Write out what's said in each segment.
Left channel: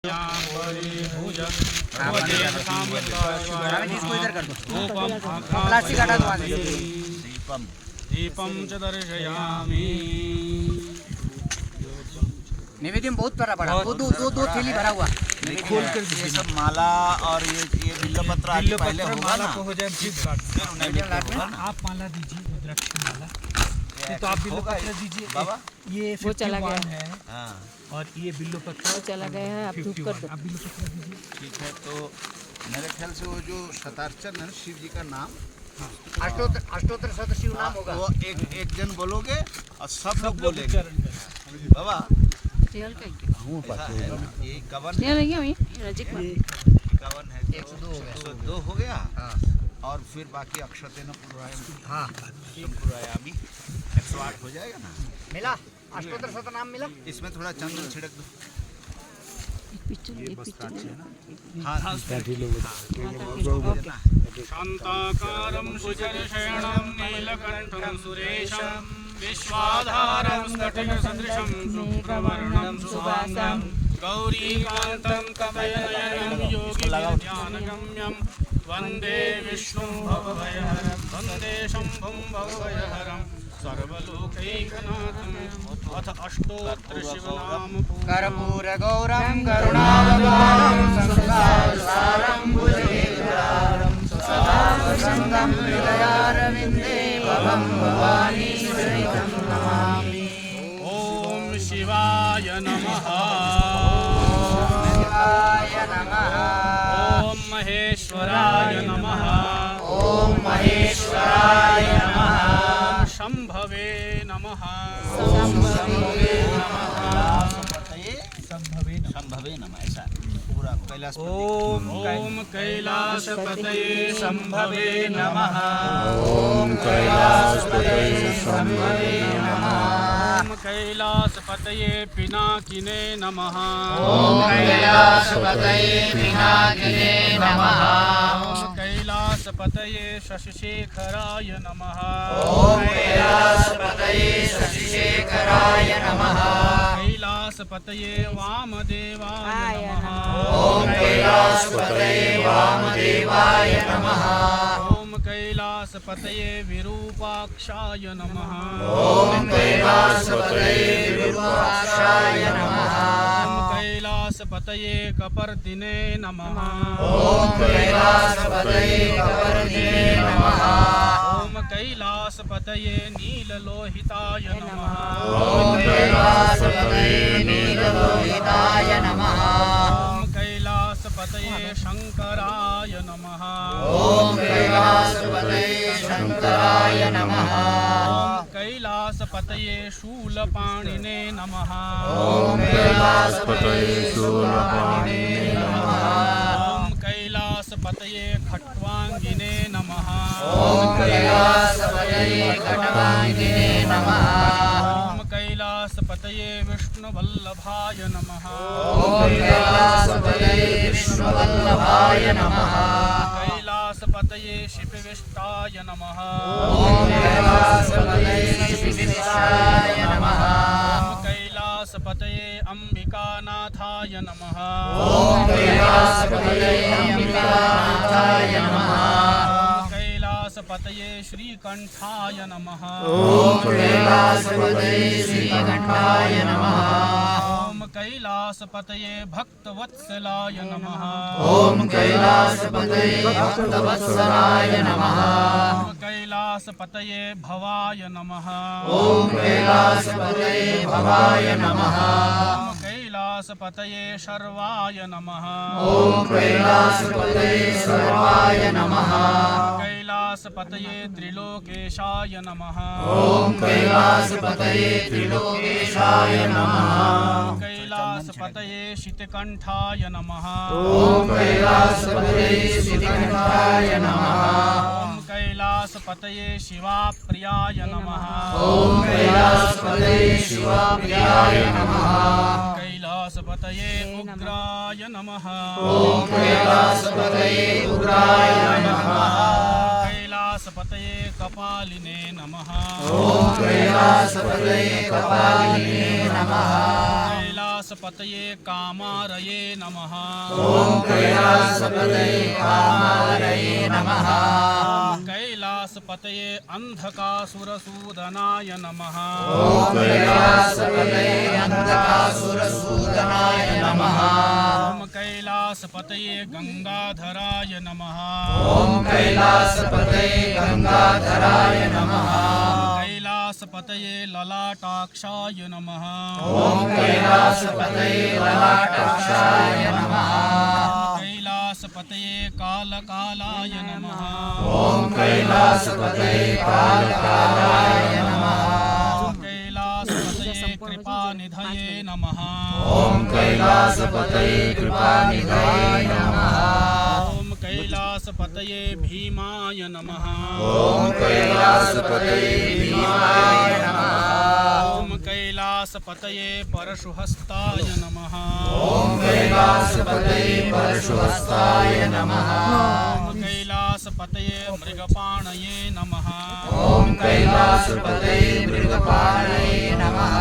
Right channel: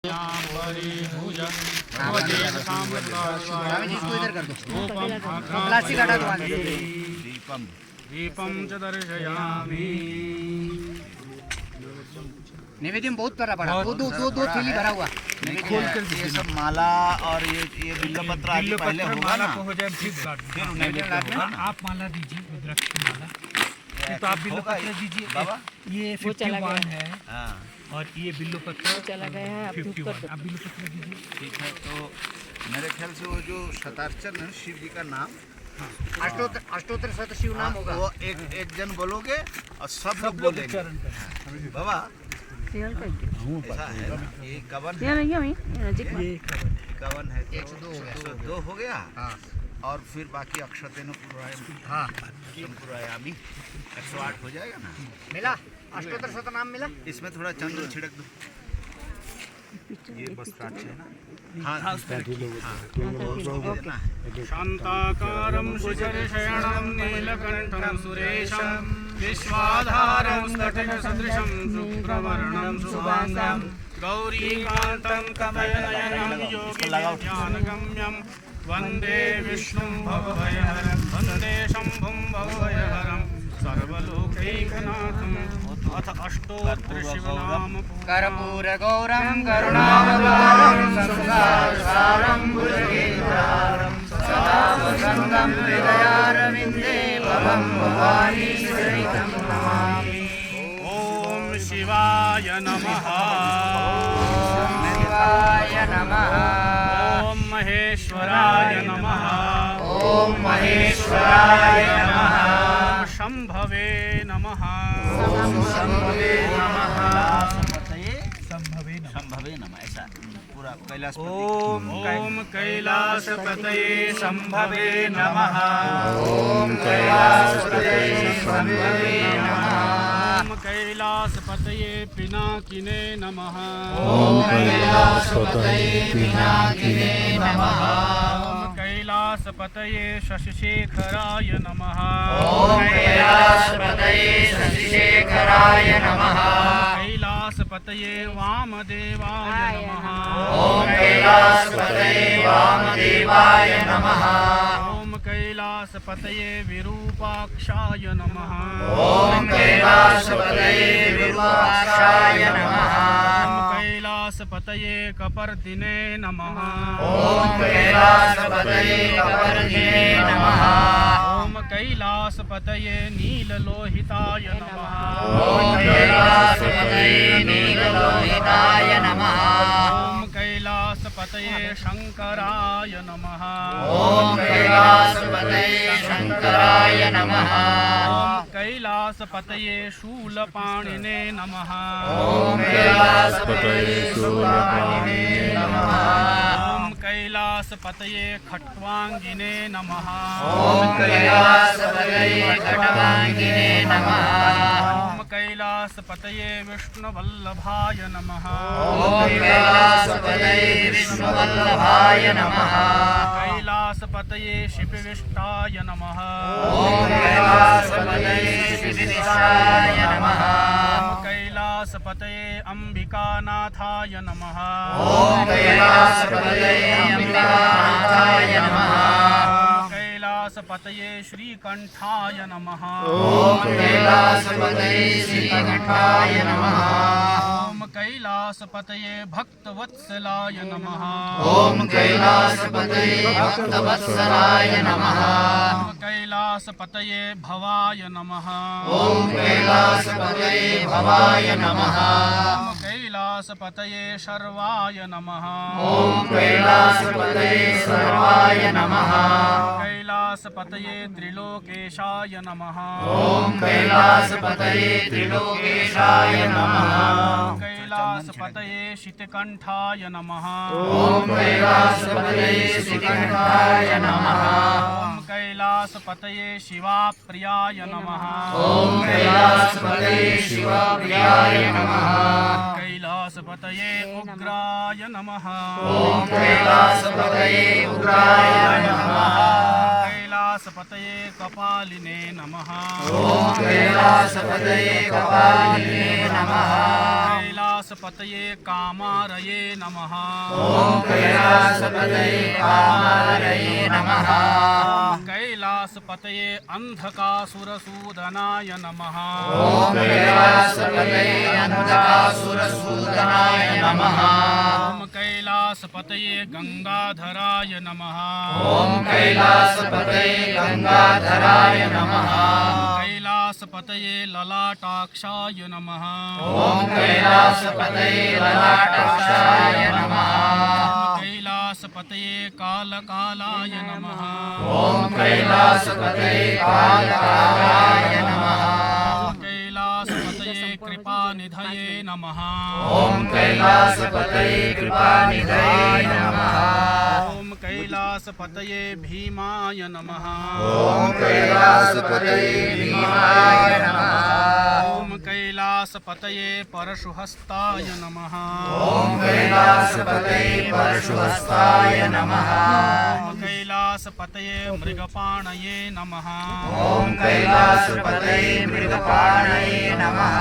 इसको इधर कर दो, प्लास्टिक हटा दो। दीपम दीपम च दर्शयामि। नैवेद्य बहुत प्यारा पड़ा, दो दो दो दो थैली भरा हुआ। ये सब माला और ये बिल्वपत्र आदि पहले होगा ना, फिर नैवेद्य होगा ना। आप माला दीजिए, रुद्राक्ष की माला। तो आप बिल्वपत्र दीजिए बाबा। ये 51 है और ये बिल्वपत्र चला गया है। आप 51। आप बिल्वपत्र दीजिए। ठीक है, तो मेरे ख्याल से वो जो शतार्चन है शिव जी का नाम, अष्टोत्तर शत शिव नाम होगा। वो एक जन बोलोगे और सब लोग बोलेंगे। बाबा ऐसा है ना, ये 51 है, 51 है, 102 हो गया। और फिर बाकी अक्षतेन पुरायामी 108 हो जाएगा ना। मिला अष्टोत्तर शत नाम मिला। इसमें थोड़ा चंदन छिड़क दो। ये बस है ना। हाँ, शांताकारं भुजगशयनं नीलकण्ठं सुरेशं विश्वाधारं स्फटिकसदृशं शुभ्रवर्णं शुभांगं गौरीकान्तं कमलनयनं योगिज्ञानगम्यं वन्दे विष्णुं भवभयहरं वन्दे शम्भुं भवभयहरं सर्वलोकैकनाथं। अथ अष्टोत्तर शिवनाम कर्पूर गौरं करुणावतारं संसारसारं भुजगेन्द्रारं सदाशिवं हृदयारविन्दे भवं भवानीश्वरीं नमामि। ओम शिवाय नमः। शिवाय नमः। ओम महेश्वराय नमः। ओम महेश्वराय नमः। शंभवे नमः। शंभवे नमः। शंभवे नमः। ऐसा पूरा कैलाश। ओम कैलाशपतये शंभवे नमः। ओम कैलासपतये शंभवे नमः। ओम कैलासपतये पिनाकिने नमः। ओम कैलासपतये पिनाकिने नमः। ओम कैलासपतये शशिशेखराय नमः। ओम कैलासपतये शशिशेखराय नमः। कैलासपतये वामदेवाय नमः। ओम कैलासपतये वामदेवाय नमः। ओम कैलासपतये विरूपाक्षाय नमः। ओम कैलासपतये विरूपाक्षाय नमः। ओम कैलासपतये कपर्दिने नमः। ओम कैलासपतये कपर्दिने नमः। ओम कैलासपतये नीललोहिताय नमः। ओम कैलासपतये नीललोहिताय नमः। ओम कैलासपतये शंकराय नमः। ओम कैलासपतये शंकराय नमः। ओम कैलासपतये शूलपाणिने नमः। ओम कैलासपतये शूलपाणिने नमः। ओम कैलासपतये खट्वांगिने नमः। ओम कैलासपतये खट्वांगिने नमः। ओम कैलासपतये विष्णुवल्लभाय नमः। ओम कैलासपतये विष्णुवल्लभाय नमः। कैलासपतये शिपिविष्टाय नमः। ओम कैलासपतये शिवनिष्ठाय नमः। ओम कैलासपतये अंबिकानाथाय नमः। ओम कैलासपतये अंबिकानाथाय नमः। ओम कैलासपतये श्रीकंठाय नमः। ओम कैलासपतये श्रीकंठाय नमः। ओम कैलासपतये भक्तवत्सलाय नमः। ओम कैलासपतये भक्तवत्सलाय नमः। ओम कैलासपतये भवाय नमः। ओम कैलासपतये भवाय नमः। ओम कैलासपतये शर्वाय नमः। ओम कैलासपतये सर्वाय नमः। कैलासपतये त्रिलोकेशाय नमः। ओम कैलासपतये त्रिलोकेशाय नमः। कैलासपतये शितकंठाय नमः। ओम कैलासपतये श्रीकंठाय नमः। ओम कैलासपतये शिवाप्रियाय नमः। ओम कैलासपतये शिवप्रियाय नमः। कैलासपतये उग्राय नमः। ओम कैलासपतये उग्राय नमः। कैलासपतये कपालिने नमः। ओम कैलासपतये कपालिने नमः। कैलासपतये कामारये नमः। ओम कैलासपतये कामारये नमः। कैलासपतये अंधकासुरसूदनाय नमः। ओम कैलासपतये अंधकासुरसूदनाय नमः। ओम कैलासपतये गंगाधराय नमः। ओम कैलासपतये गंगाधराय नमः। कैलासपतये ललाटाक्षाय नमः। ओम कैलासपतये ललाटाक्षाय नमः। कैलासपतये कालकालाय नमः। ओम कैलासपतये कालकालाय नमः। कैलासपतये कृपानिधये नमः। ओम कैलासपतये कृपानिधये नमः। ओम कैलासपतये भीमाय नमः। ओम कैलासपतये भीमाय नमः। ओम कैलासपतये परशुहस्ताय नमः। ओम कैलासपतये परशुहस्ताय नमः। ओम कैलासपतये मृगपाणये नमः। ओम कैलासपतये मृगपाणये नमः।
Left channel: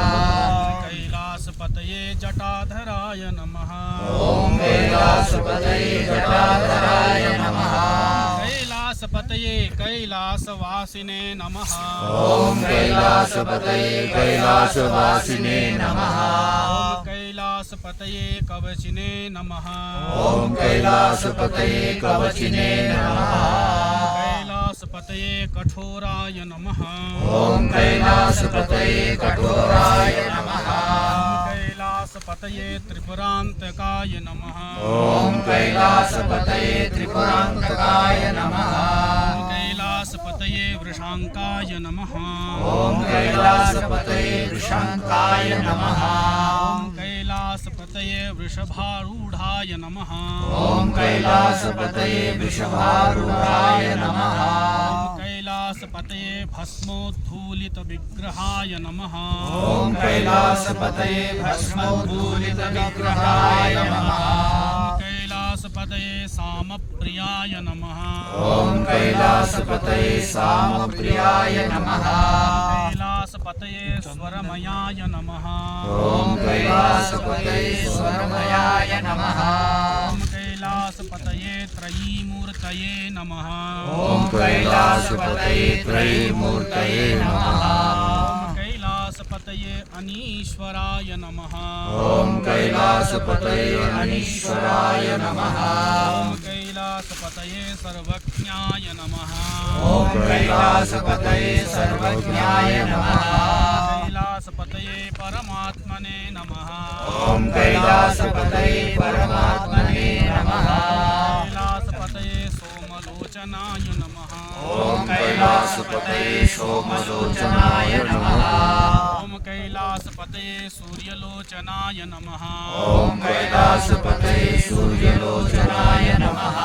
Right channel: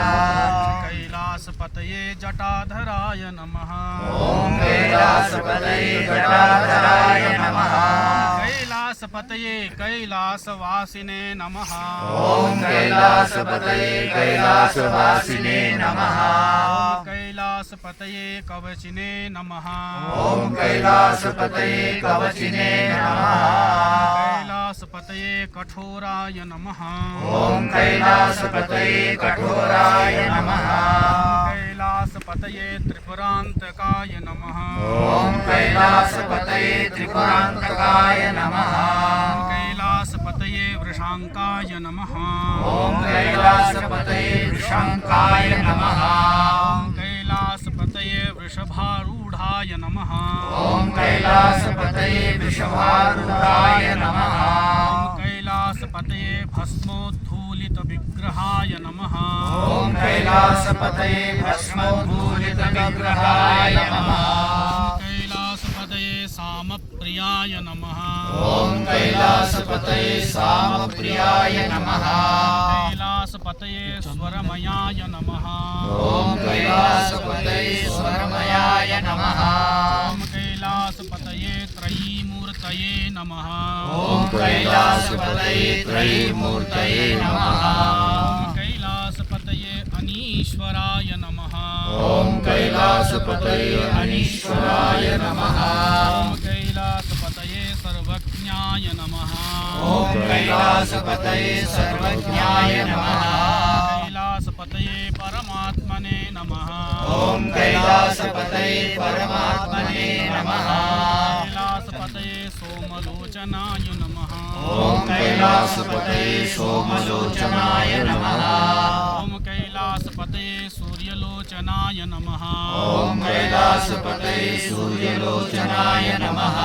कैलासपतये जटाधराय नमः। ओम कैलासपतये जटाधराय नमः। कैलासपतये कैलासवासिने नमः। ओम कैलासपतये कैलासवासिने नमः। ओम कैलासपतये कवचिने नमः। ओम कैलासपतये कवचिने नमः। कैलासपतये कठोराय नमः। ओम कैलासपतये कठोराय नमः। कैलासपतये त्रिपुरान्तकाय नमः। ओम कैलासपतये त्रिपुरान्तकाय नमः। कैलासपतये वृषांकाय नमः। ओम कैलासपतये वृषांकाय नमः। ओम कैलासपतये वृषभारूढाय नमः। ओम कैलासपतये वृषभारूढाय नमः। कैलासपतये भस्मोद्धूलितविग्रहाय नमः। ओम कैलासपतये भस्मोद्धूलितविग्रहाय नमः। कैलासपतये सामप्रियाय नमः। ओम कैलासपतये सामप्रियाय नमः। कैलासपतये स्वरमयाय नमः। ओम कैलासपतये स्वरमयाय नमः। ओम कैलासपतये त्रयीमूर्तये नमः। ओम कैलासपतये त्रयीमूर्तये नमः। ओम कैलासपतये अनीश्वराय नमः। ओम कैलासपतये अनीश्वराय नमः। ओम कैलासपतये सर्वज्ञाय नमः। ओम कैलासपतये सर्वज्ञाय नमः। कैलासपतये परमात्मने नमः। ओम कैलासपतये परमात्मने नमः। कैलासपतये सोमलोचनाय नमः। ओम कैलासपतये सोमलोचनाय नमः। ओम कैलासपतये सूर्यलोचनाय नमः। ओम कैलासपतये सूर्यलोचनाय नमः।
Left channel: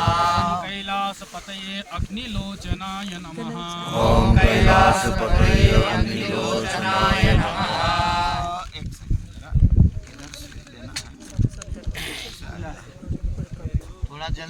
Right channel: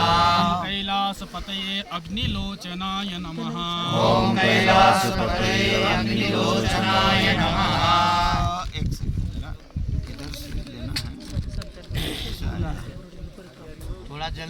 कैलासपतये अग्निलोचनाय नमः। ओम कैलासपतये